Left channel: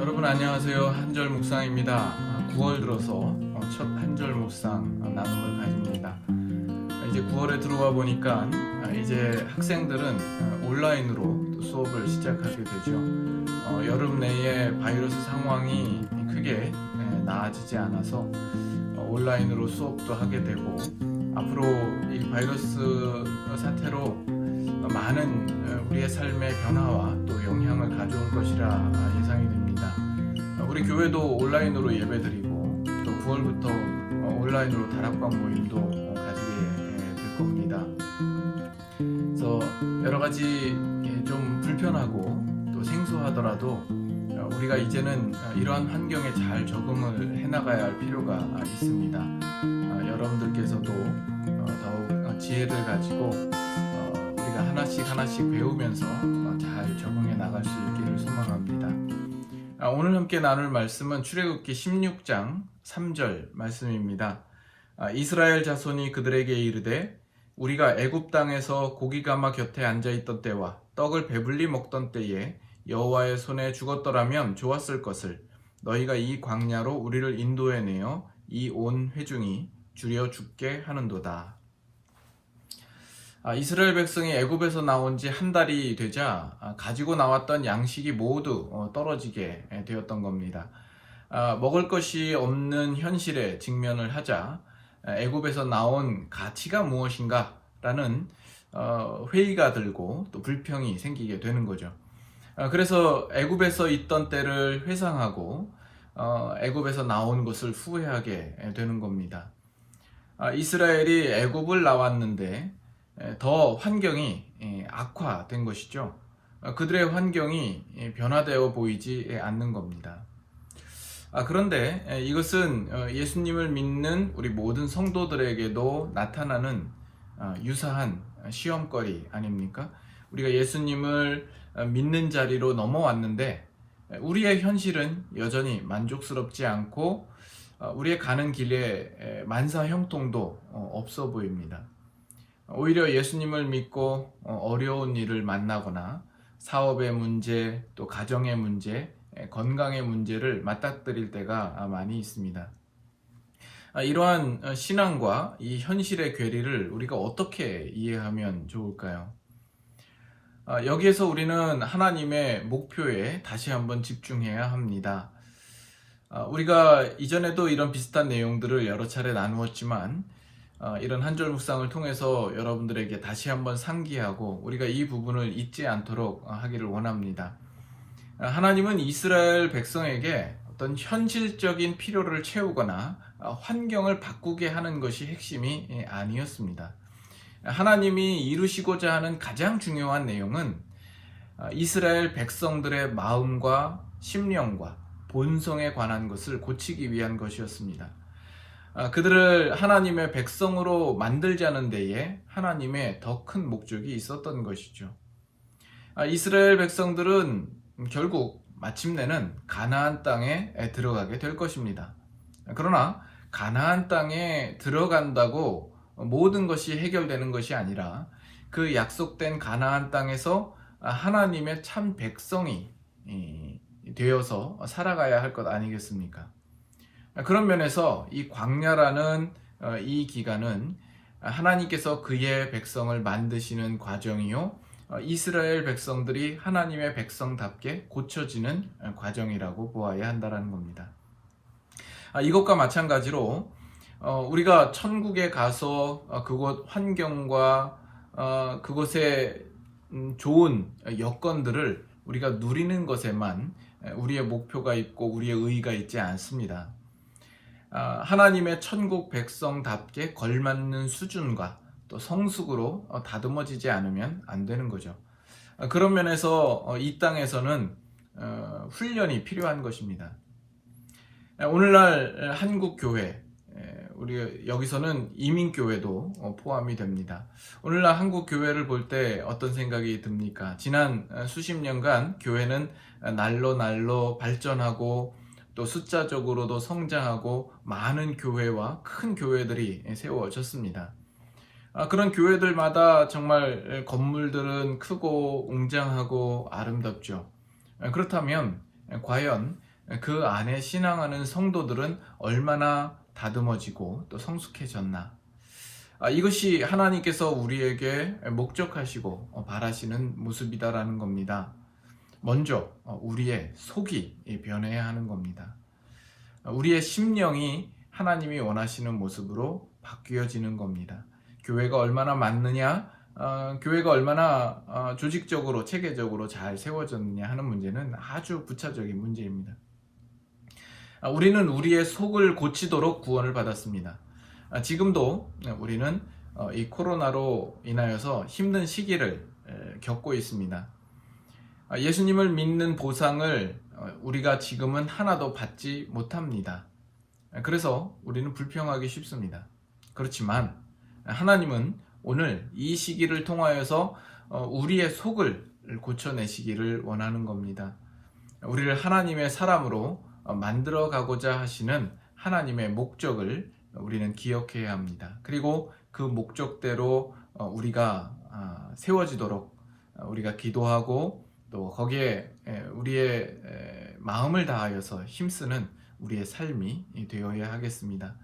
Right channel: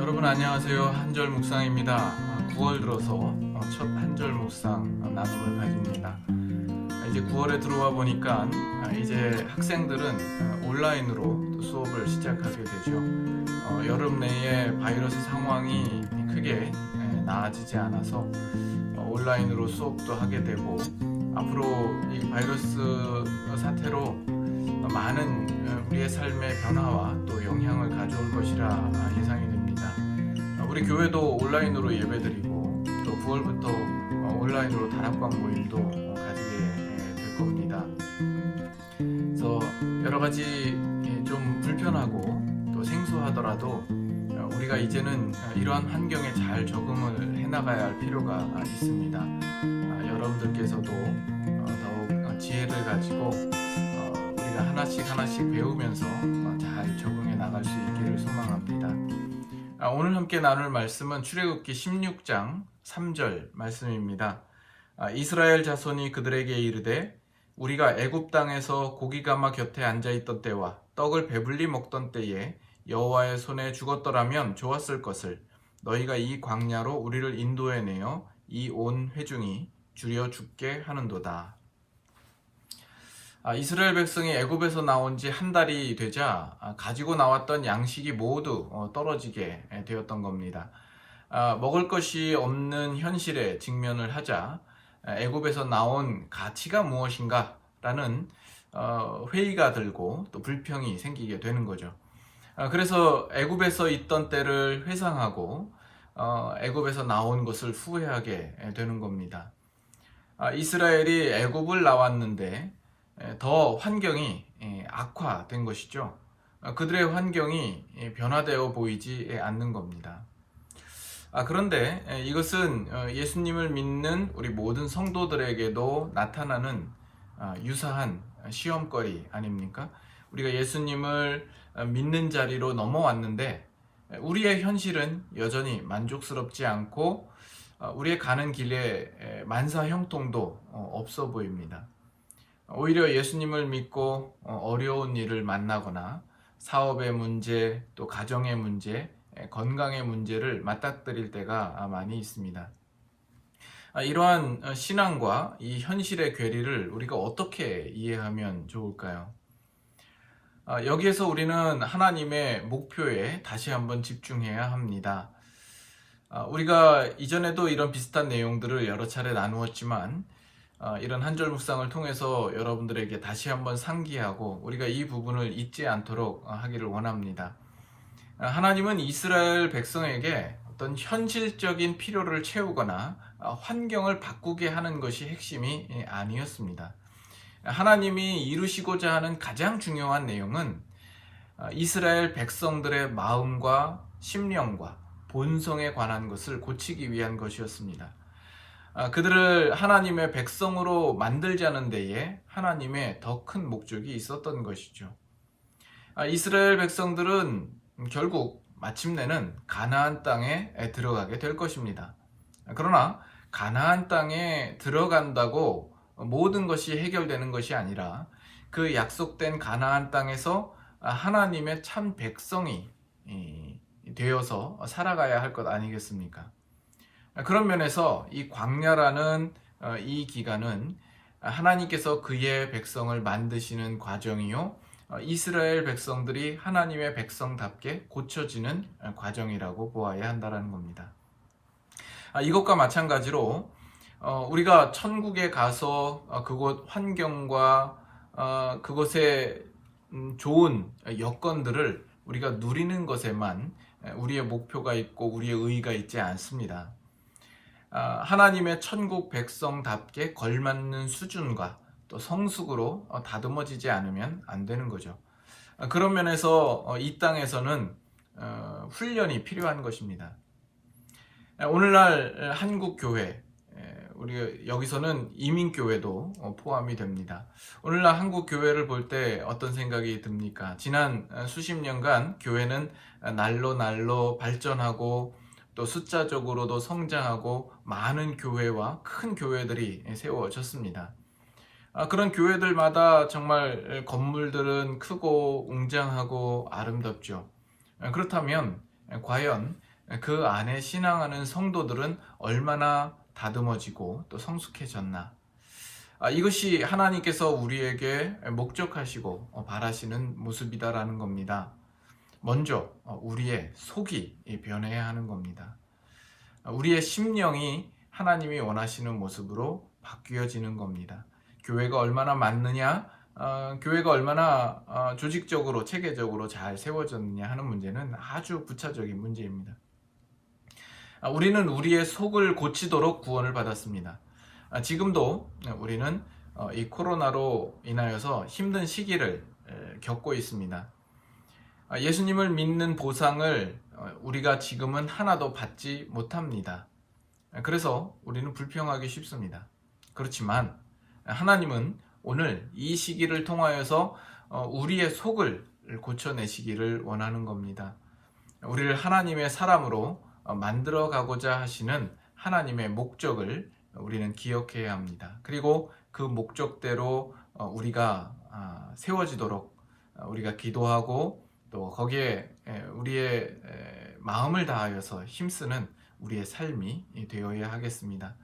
여러분 안녕하세요. 한절 묵상입니다. 9월 들어서 첫 한절 묵상 나눔을 가집니다. 이제 9월에 들어와 보니까 이제 학생들은 온라인으로 또 수업을 시작하게 되죠. 여름 내에 바이러스 상황이 크게 나아지지 않아서 온라인으로 수업도 하게 되고, 앞으로 이 바이러스 사태로 많은 우리의 삶의 변화와 또 영향을 가져올 것이라 예상이 됩니다. 우리 교회도 온라인으로 예배드리고, 또 9월부터 온라인으로 다락방 모임도 가지게 될 겁니다. 그래서 여러 가지 좀 불편하고 또 생소하더라도 우리가 이제는 이러한 환경에 잘 적응을 해나가야 할 필요가 있습니다. 여러분들께서도 더욱 지혜를 가지고 우리가 하나씩 배우면서 잘 적응해 나갈 수 있기를 소망합니다. 오늘 함께 나눌 말씀은 출애굽기 16장 3절 말씀입니다. 이스라엘 자손이 그들에게 이르되 우리가 애굽 땅에서 고기가마 곁에 앉아있던 때와 떡을 배불리 먹던 때에 여호와의 손에 죽었더라면 좋았을 것을 너희가 이 광야로 우리를 인도해내어 이 온 회중이 줄여 죽게 하는도다. 이스라엘 백성이 애굽에서 나온 지 한 달이 되자 가지고 나왔던 양식이 모두 떨어지게 되었던 겁니다. 먹을 것이 없는 현실에 직면을 하자 애굽에서 나온 가치가 무엇인가 라는 회의가 들고 또 불평이 생기게 되는 거죠. 그래서 애굽에서 있던 때를 회상하고 애굽에서 나온 것을 후회하게 되는 겁니다. 이스라엘이 애굽을 나왔는데 더 환경이 악화된 것이죠. 그들의 환경이 변화되어 보이지 않는 겁니다. 그런데 이것은 예수님을 믿는 우리 모든 성도들에게도 나타나는 유사한 시험거리 아닙니까? 우리가 예수님을 믿는 자리로 넘어왔는데 우리의 현실은 여전히 만족스럽지 않고 우리의 가는 길에 만사 형통도 없어 보입니다. 오히려 예수님을 믿고 어려운 일을 만나거나 사업의 문제, 또 가정의 문제, 건강의 문제를 맞닥뜨릴 때가 많이 있습니다. 이러한 신앙과 이 현실의 괴리를 우리가 어떻게 이해하면 좋을까요? 여기에서 우리는 하나님의 목표에 다시 한번 집중해야 합니다. 우리가 이전에도 이런 비슷한 내용들을 여러 차례 나누었지만 이런 한절 묵상을 통해서 여러분들에게 다시 한번 상기하고 우리가 이 부분을 잊지 않도록 하기를 원합니다. 하나님은 이스라엘 백성에게 어떤 현실적인 필요를 채우거나 환경을 바꾸게 하는 것이 핵심이 아니었습니다. 하나님이 이루시고자 하는 가장 중요한 내용은 이스라엘 백성들의 마음과 심령과 본성에 관한 것을 고치기 위한 것이었습니다. 그들을 하나님의 백성으로 만들자는 데에 하나님의 더 큰 목적이 있었던 것이죠. 이스라엘 백성들은 결국 마침내는 가나안 땅에 들어가게 될 것입니다. 그러나 가나안 땅에 들어간다고 모든 것이 해결되는 것이 아니라 그 약속된 가나안 땅에서 하나님의 참 백성이 되어서 살아가야 할 것 아니겠습니까? 그런 면에서 이 광야라는 이 기간은 하나님께서 그의 백성을 만드시는 과정이요, 이스라엘 백성들이 하나님의 백성답게 고쳐지는 과정이라고 보아야 한다는 겁니다. 이것과 마찬가지로 우리가 천국에 가서 그곳 환경과 그곳의 좋은 여건들을 우리가 누리는 것에만 우리의 목표가 있고 우리의 의의가 있지 않습니다. 하나님의 천국 백성답게 걸맞는 수준과 또 성숙으로 다듬어지지 않으면 안 되는 거죠. 그런 면에서 이 땅에서는 훈련이 필요한 것입니다. 오늘날 한국 교회, 우리 여기서는 이민교회도 포함이 됩니다. 오늘날 한국 교회를 볼 때 어떤 생각이 듭니까? 지난 수십 년간 교회는 날로 발전하고 또 숫자적으로도 성장하고 많은 교회와 큰 교회들이 세워졌습니다. 그런 교회들마다 정말 건물들은 크고 웅장하고 아름답죠. 그렇다면 과연 그 안에 신앙하는 성도들은 얼마나 다듬어지고 또 성숙해졌나? 이것이 하나님께서 우리에게 목적하시고 바라시는 모습이다라는 겁니다. 먼저 우리의 속이 변해야 하는 겁니다. 우리의 심령이 하나님이 원하시는 모습으로 바뀌어지는 겁니다. 교회가 얼마나 많느냐, 교회가 얼마나 조직적으로 체계적으로 잘 세워졌느냐 하는 문제는 아주 부차적인 문제입니다. 우리는 우리의 속을 고치도록 구원을 받았습니다. 지금도 우리는 이 코로나로 인하여서 힘든 시기를 겪고 있습니다. 예수님을 믿는 보상을 우리가 지금은 하나도 받지 못합니다. 그래서 우리는 불평하기 쉽습니다. 그렇지만 하나님은 오늘 이 시기를 통하여서 우리의 속을 고쳐내시기를 원하는 겁니다. 우리를 하나님의 사람으로 만들어 가고자 하시는 하나님의 목적을 우리는 기억해야 합니다. 그리고 그 목적대로 우리가 세워지도록 우리가 기도하고 또 거기에 우리의 마음을 다하여서 힘쓰는 우리의 삶이 되어야 하겠습니다.